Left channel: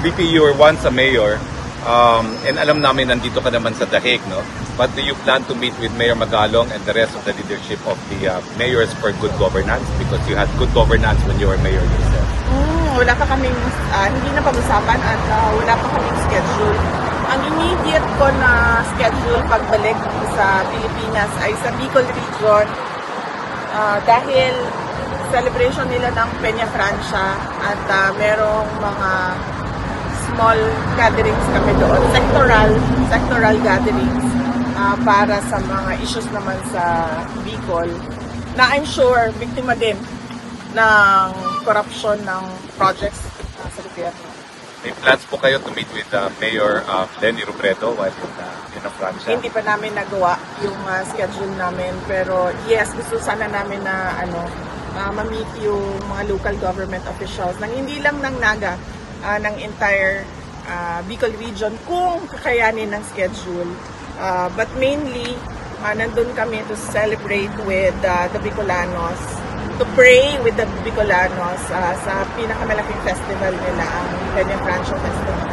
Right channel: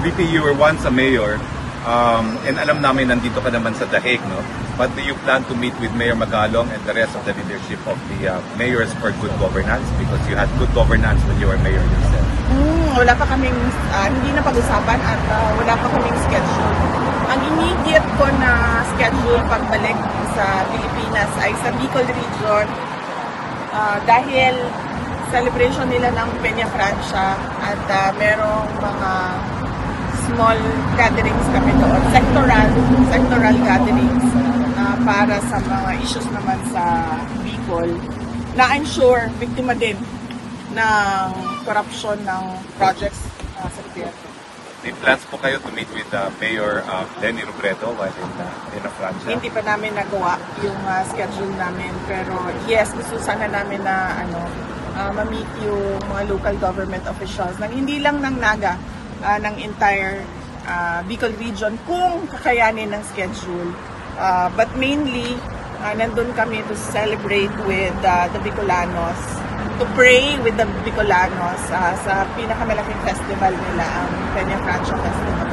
VP, you were once a mayor, and alam namin nandito ka naman sa Dahig, no? But do you plan to meet with Mayor Magalong and the rest of the leadership of the mayors for good governance? Because you had good governance when you were mayor yourself. Wala pa kaming, hindi na pag-usapan at wala pa kaming schedule. Ang immediate ko na schedule pagbalik sa Pilipinas ay sa Bicol Region dahil celebration nila ng Peña Francia at merong mga small gatherings kami doon, sectoral gatherings para sa mga issues naman sa Bicol na I'm sure biktima din ng corruption ng projects sa gobyerno. May plans po kayo to meet with Mayor Lenny Robredo while in Francia? Hindi pa namin nagawa yung schedule namin pero yes, gusto sana namin na ma-meet yung mga local government officials ng hindi lang ng Naga, ng entire Bicol region kung kakayanin ng schedule. But mainly, nandun kami to celebrate with the Bicolanos, to pray with the Bicolanos sa pinakamalaking festival nila, ang Peña Francia Festival.